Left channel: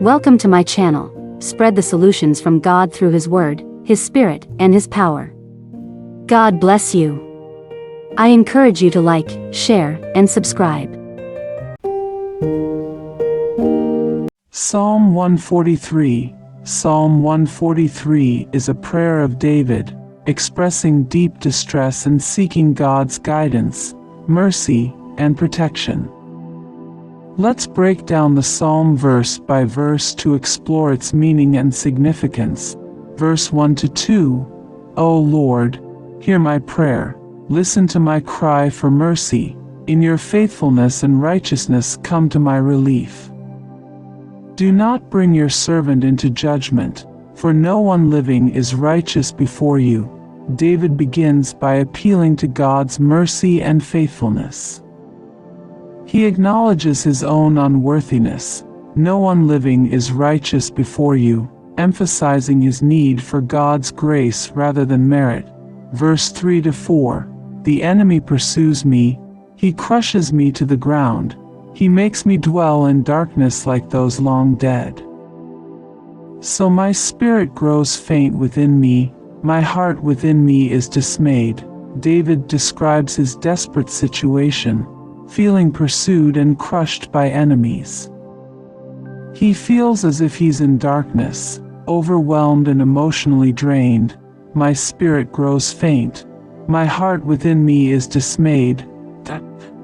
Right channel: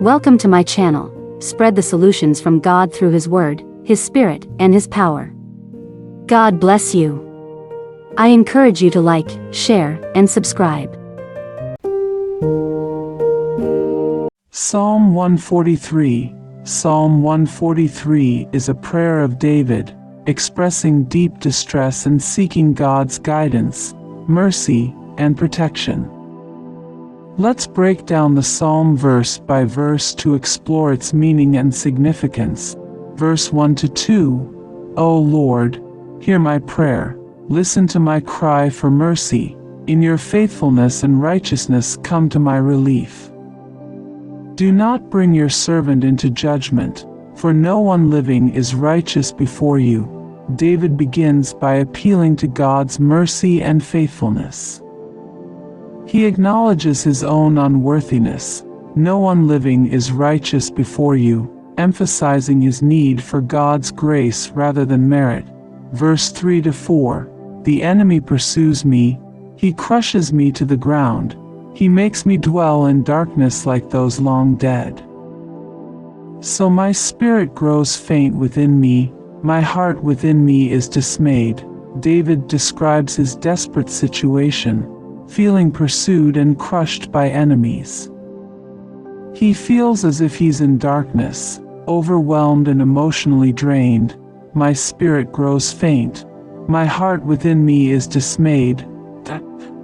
Welcome to my channel. Spread the solutions from God through His Word, His Spirit, and His power. God bless you. I encourage you to like, share, and subscribe. Psalm 143. Psalm 143 is a prayer of David, expressing deep distress and seeking God's guidance, mercy, and protection. Let's break down the psalm verse by verse to explore its meaning and significance. Verse 1 to 2. O Lord, hear my prayer. Listen to my cry for mercy. In your faithfulness and righteousness come to my relief. Do not bring your servant into judgment, for no one living is righteous before you. David begins by appealing to God's mercy and faithfulness. He acknowledges his own unworthiness. No one living is righteous before you, emphasizing his need for God's grace rather than merit. Verse 3 to 4. The enemy pursues me. He crushes me to the ground. He makes me dwell in darkness like those long dead. So my spirit grows faint within me. My heart within me is dismayed. David describes his desperate situation, feeling pursued and crushed by enemies. He feels as if he's in darkness, overwhelmed and emotionally drained. My spirit grows faint. My heart within me is dismayed.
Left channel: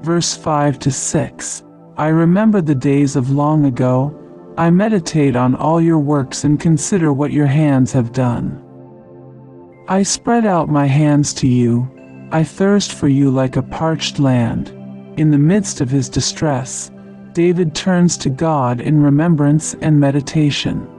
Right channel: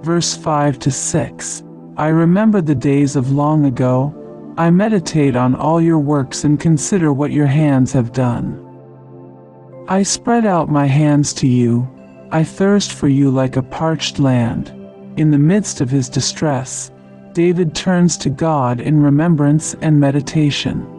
Verse 5 to 6. I remember the days of long ago. I meditate on all your works and consider what your hands have done. I spread out my hands to you. I thirst for you like a parched land. In the midst of his distress, David turns to God in remembrance and meditation.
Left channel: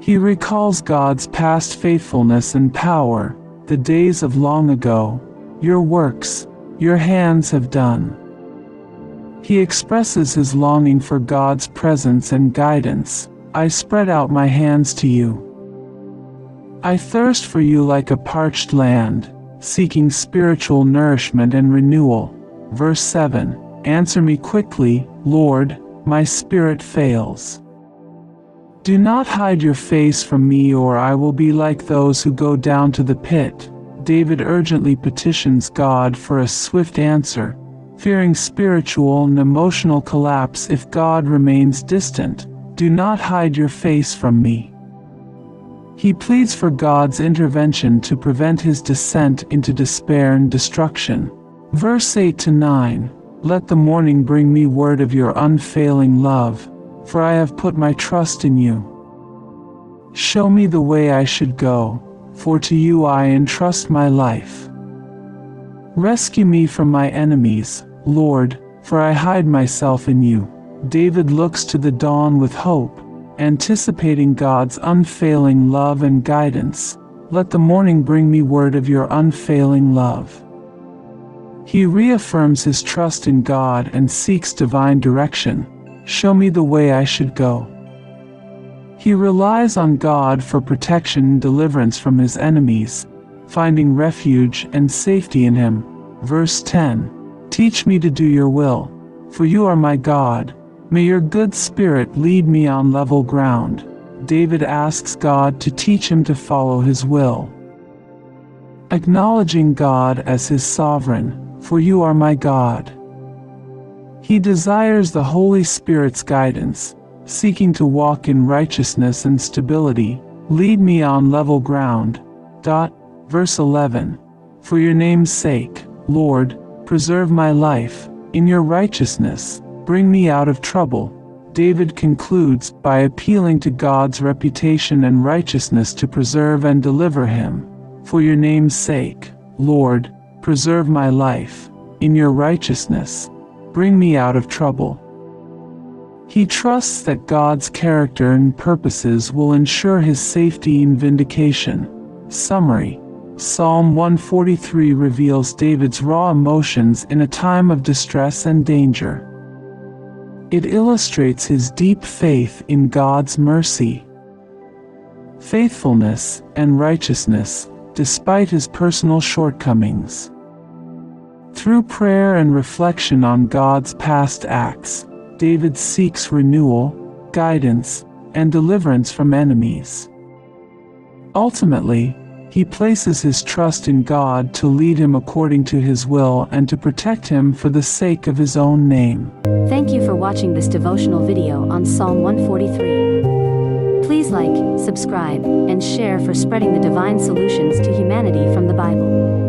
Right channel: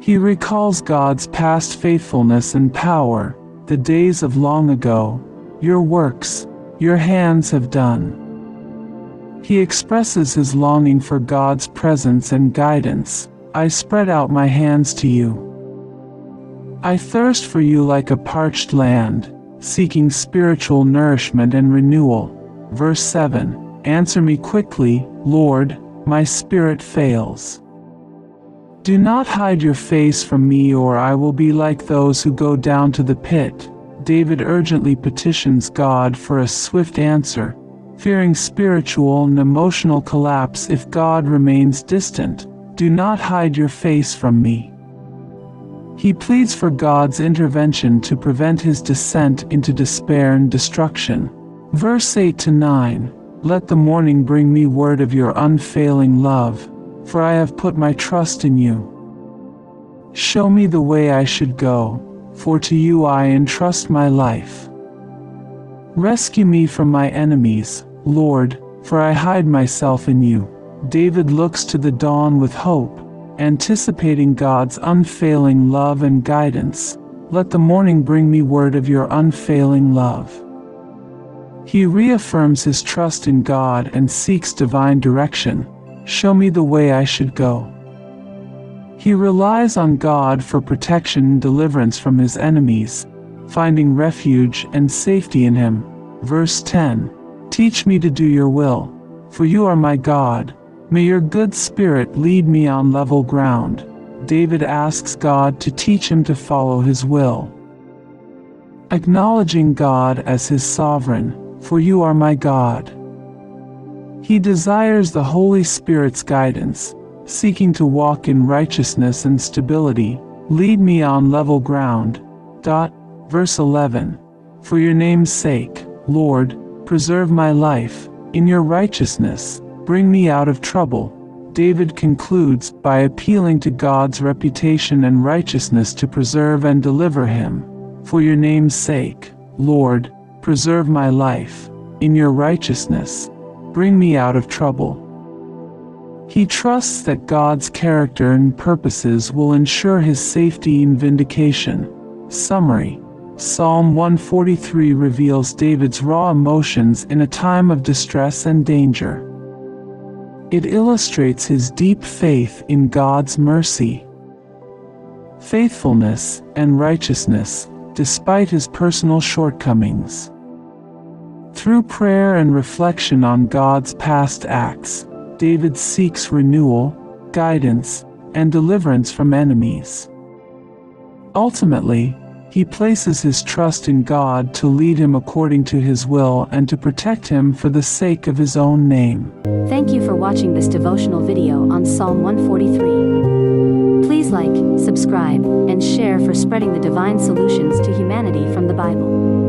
He recalls God's past faithfulness and power, the days of long ago, your works, your hands have done. He expresses his longing for God's presence and guidance. I spread out my hands to you. I thirst for you like a parched land, seeking spiritual nourishment and renewal. Verse 7. Answer me quickly, Lord, my spirit fails. Do not hide your face from me, or I will be like those who go down to the pit. David urgently petitions God for a swift answer, fearing spiritual and emotional collapse if God remains distant. Do not hide your face from me. He pleads for God's intervention to prevent his descent into despair and destruction. Verse 8 to 9. Let the morning bring me word of your unfailing love, for I have put my trust in you. Show me the way I should go, for to you I entrust my life. Rescue me from my enemies, Lord, for I hide myself in you. David looks to the dawn with hope, anticipating God's unfailing love and guidance. Let the morning bring me word of your unfailing love. He reaffirms his trust in God and seeks divine direction. Show me the way I should go. He relies on God for protection and deliverance from his enemies, finding refuge and safety in him. Verse 10. Teach me to do your will, for you are my God. May your good spirit lead me on level ground. David asks God to teach him to follow his will, acknowledging God as his sovereign. For you are my God. He desires the Holy Spirit's guidance, seeking to walk in righteousness and stability. Lead me on level ground. Verse 11. For your name's sake, Lord, preserve my life. In your righteousness, bring me out of trouble. David concludes by appealing to God's reputation and righteousness to preserve and deliver him. For your name's sake, Lord, preserve my life. In your righteousness, bring me out of trouble. He trusts that God's character and purposes will ensure his safety and vindication. Summary. Psalm 143 reveals David's raw emotions in a time of distress and danger. It illustrates his deep faith in God's mercy, faithfulness, and righteousness, despite his personal shortcomings. Through prayer and reflection on God's past acts, David seeks renewal, guidance, and deliverance from enemies. Ultimately, he places his trust in God to lead him according to his will and to protect him for the sake of his own name. Thank you for watching this devotional video on Psalm 143. Please like, subscribe, and share for spreading the divine solutions to humanity from the Bible.